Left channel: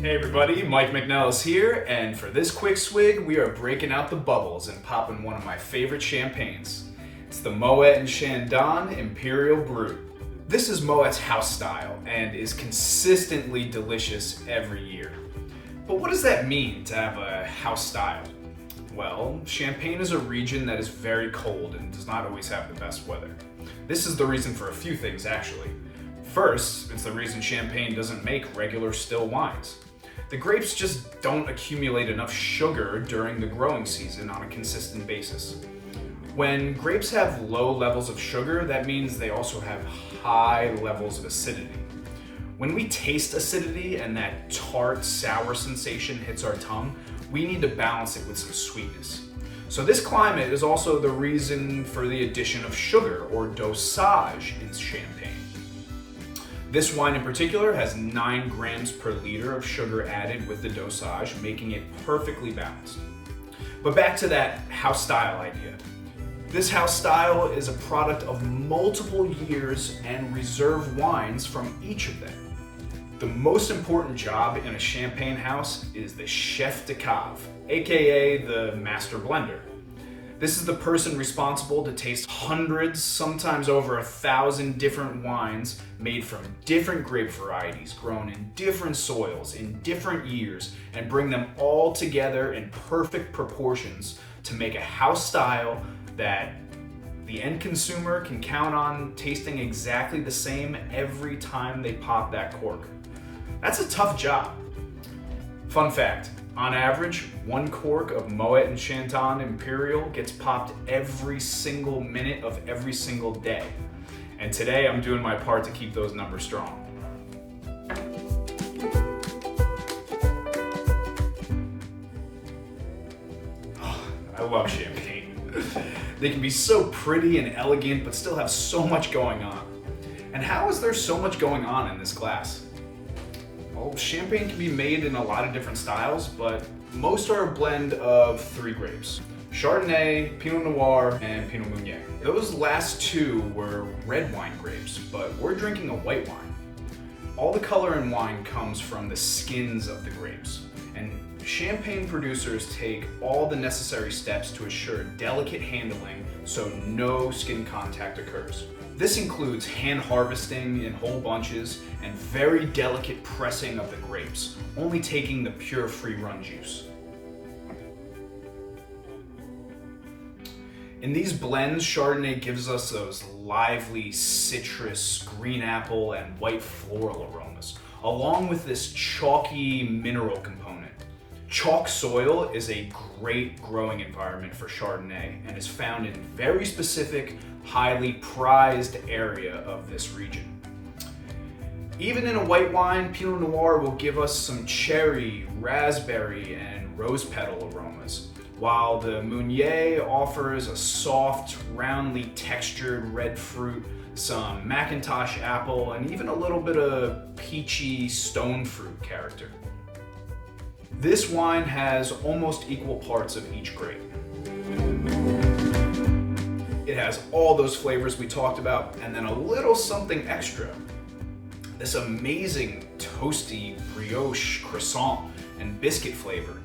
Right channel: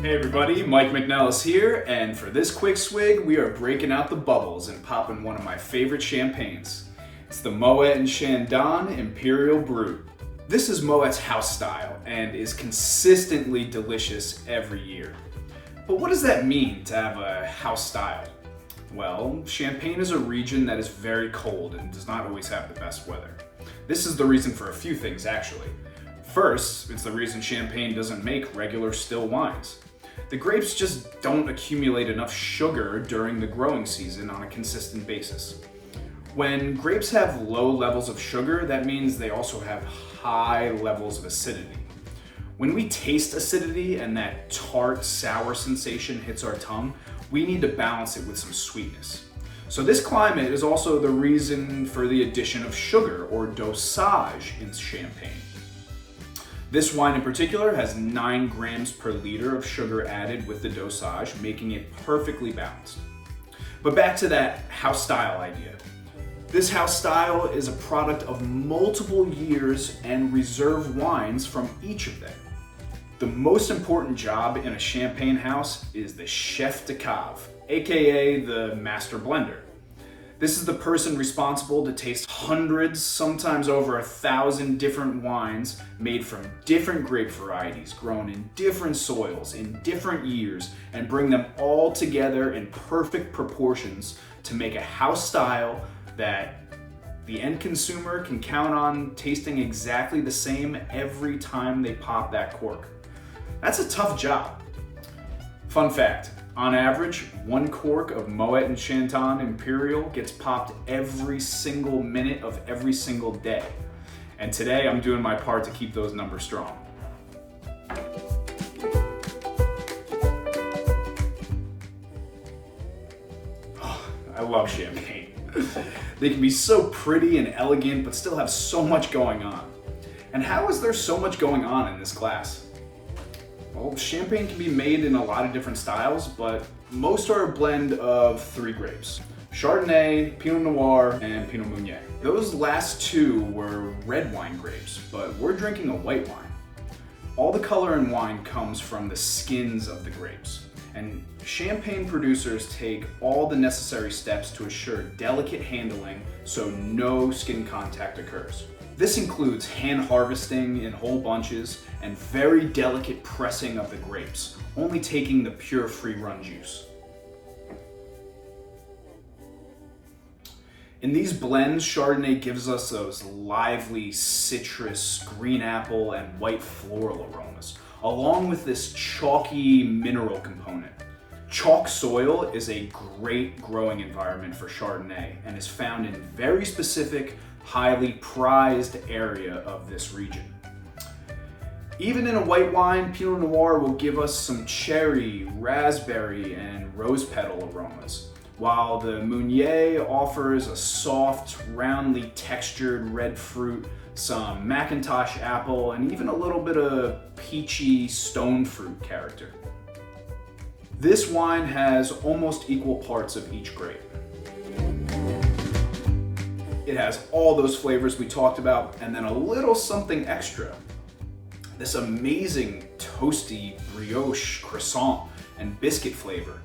Hey everybody, Mike McNellis here, and for this quick swig, we are breaking out the bubbles and popping one of my favorite champagnes. It's the Moet & Chandon Imperial Brut. This is Moet's house style and is consistently delicious every year. But what does that mean to have a house style? Well, Champagne is a region that is very cold and does not always have the best weather. This is the reason for a few things actually. First, it's the reason Champagne doesn't make regular still wines. The grapes just don't accumulate enough sugar during the growing season on a consistent basis. When grapes have low levels of sugar, that means they also have high levels of acidity. When we taste acidity and that tart, sour sensation hits our tongue, we need to balance it with some sweetness. So this climate is also the reason for the addition of sugar or dosage in Champagne. This wine in particular has 9 grams per liter of sugar added with the dosage, making it perfectly balanced. But back to that house style idea. This house style is a product of multiple years and reserve wines from each of them. The most important job in a champagne house is the chef de cave, aka the master blender. This is the person responsible to taste hundreds, sometimes over 1,000 different wines made from different grape varieties, grown in different soils, in different years, and bring them all together in perfect proportions to make a house style that the end consumer can count on tasting exactly the same every time they pop that cork. That's a tough job. Fun fact. On average, 1 cork of Moet & Chandon Imperial gets popped every single minute of every single day. And today I'm doing my part to keep those numbers strong. Oh, I love champagne. They can be so pretty and elegant, but still have so much going on. And how is there so much going on in this glass? Well, champagne can be made in a lot of different styles, but most are a blend of 3 grapes: Chardonnay, Pinot Noir, and Pinot Meunier. Those last 2 were red wine grapes, but we're drinking a white wine. All the color in wine comes from the skins of the grapes, and champagne producers take all the necessary steps to assure delicate handling so no skin contact occurs. This includes hand harvesting in whole bunches and very delicate pressing of the grapes, only taking the pure free run juice. In these blends, Chardonnay gives us those lively citrus, green apple, and white floral aromas, along with this chalky mineral component. Chalk soil is a great growing environment for Chardonnay and is found in very specific, highly prized area of this region. Even in a white wine, Pinot Noir will give us some cherry, raspberry, and rose petal aromas, while the Meunier offers a soft, roundly textured red fruit, some Macintosh apple, and even a little bit of peachy stone fruit character. This wine has almost equal parts of each grape. It has all those flavors we talked about, and then a little something extra. This amazing toasty brioche, croissant, and biscuit flavor.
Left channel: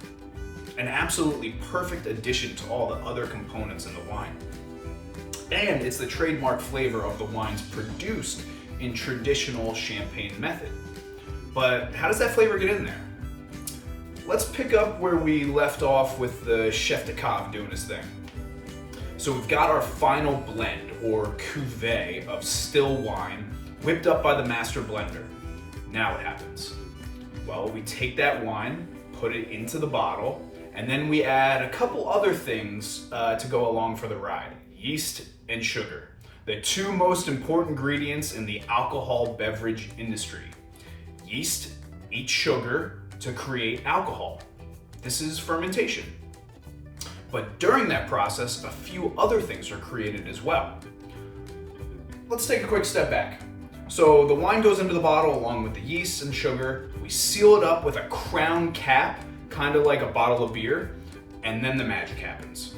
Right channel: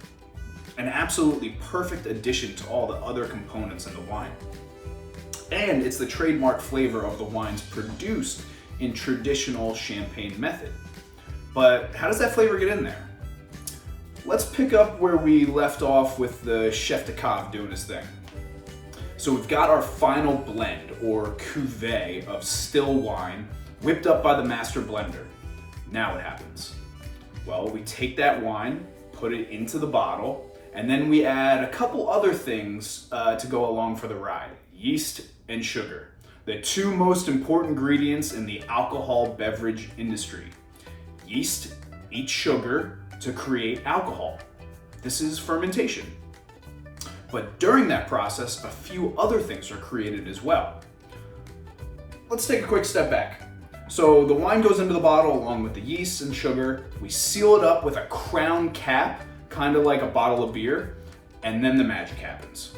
An absolutely perfect addition to all the other components in the wine. And it's the trademark flavor of the wines produced in traditional champagne method. But how does that flavor get in there? Let's pick up where we left off with the chef de cave doing his thing. So we've got our final blend, or cuvee, of still wine whipped up by the master blender. Now what happens? Well, we take that wine, put it into the bottle, and then we add a couple other things to go along for the ride: yeast and sugar, the 2 most important ingredients in the alcohol beverage industry. Yeast eats sugar to create alcohol. This is fermentation. But during that process, a few other things are created as well. Let's take a quick step back. So the wine goes into the bottle along with the yeast and sugar. We seal it up with a crown cap, kind of like a bottle of beer, and then the magic happens.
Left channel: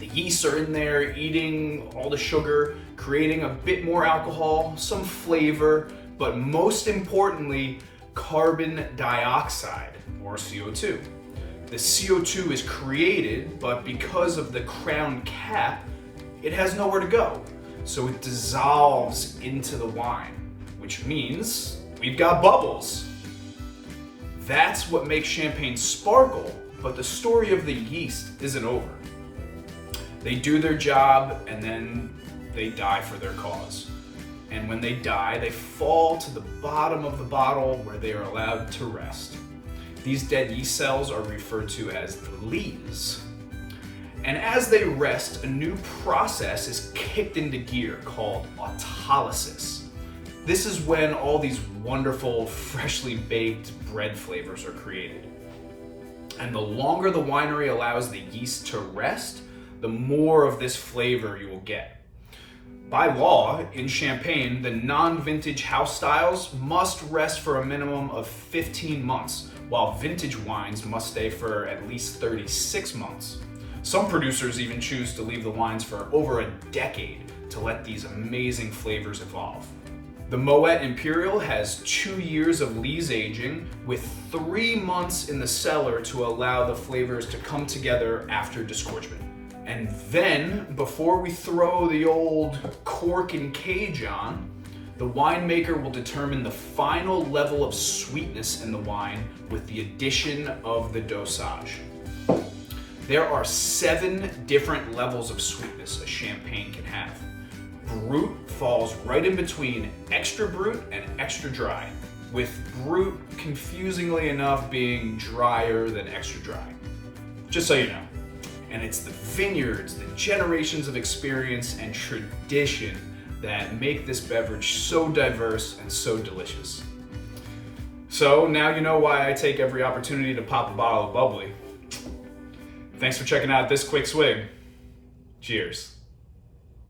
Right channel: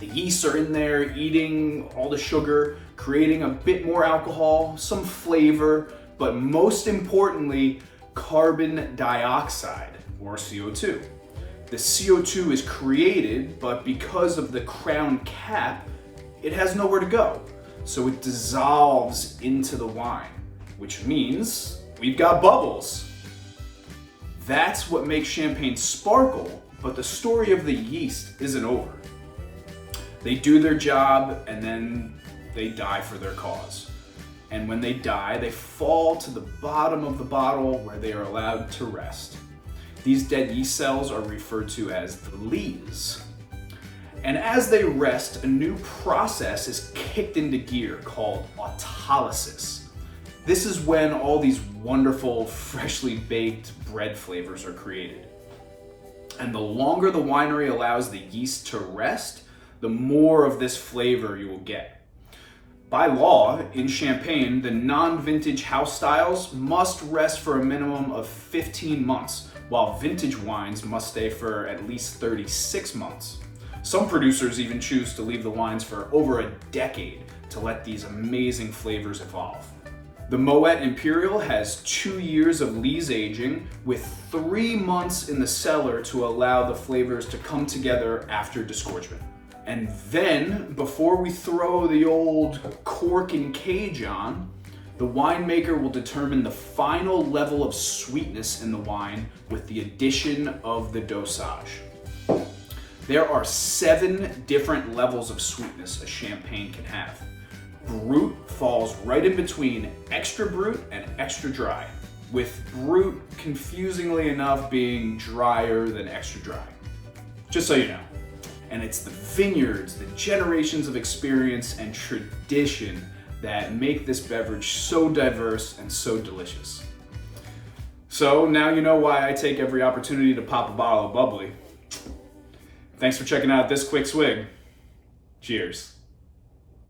The yeasts are in there eating all the sugar, creating a bit more alcohol, some flavor, but most importantly, carbon dioxide, or CO2. The CO2 is created, but because of the crown cap, it has nowhere to go. So it dissolves into the wine, which means we've got bubbles. That's what makes champagne sparkle, but the story of the yeast isn't over. They do their job and then they die for their cause. And when they die, they fall to the bottom of the bottle where they are allowed to rest. These dead yeast cells are referred to as the lees. And as they rest, a new process is kicked into gear called autolysis. This is when all these wonderful, freshly baked bread flavors are created. And the longer the winery allows the yeast to rest, the more of this flavor you will get. By law, in Champagne, the non-vintage house styles must rest for a minimum of 15 months, while vintage wines must stay for at least 36 months. Some producers even choose to leave the wines for over a decade to let these amazing flavors evolve. The Moet Imperial has 2 years of lees aging with 3 months in the cellar to allow the flavors to come together after disgorgement. And then, before we throw the old cork and cage on, the winemaker will determine the final level of sweetness in the wine with the addition of the dosage. There are 7 different levels of sweetness a champagne can have. Brut falls right in between extra brut and extra dry, with brut confusingly enough being drier than extra dry. Just so you know. And it's the vineyards, the generations of experience and tradition that make this beverage so diverse and so delicious. So now you know why I take every opportunity to pop a bottle of bubbly. Thanks for checking out this quick swig. Cheers.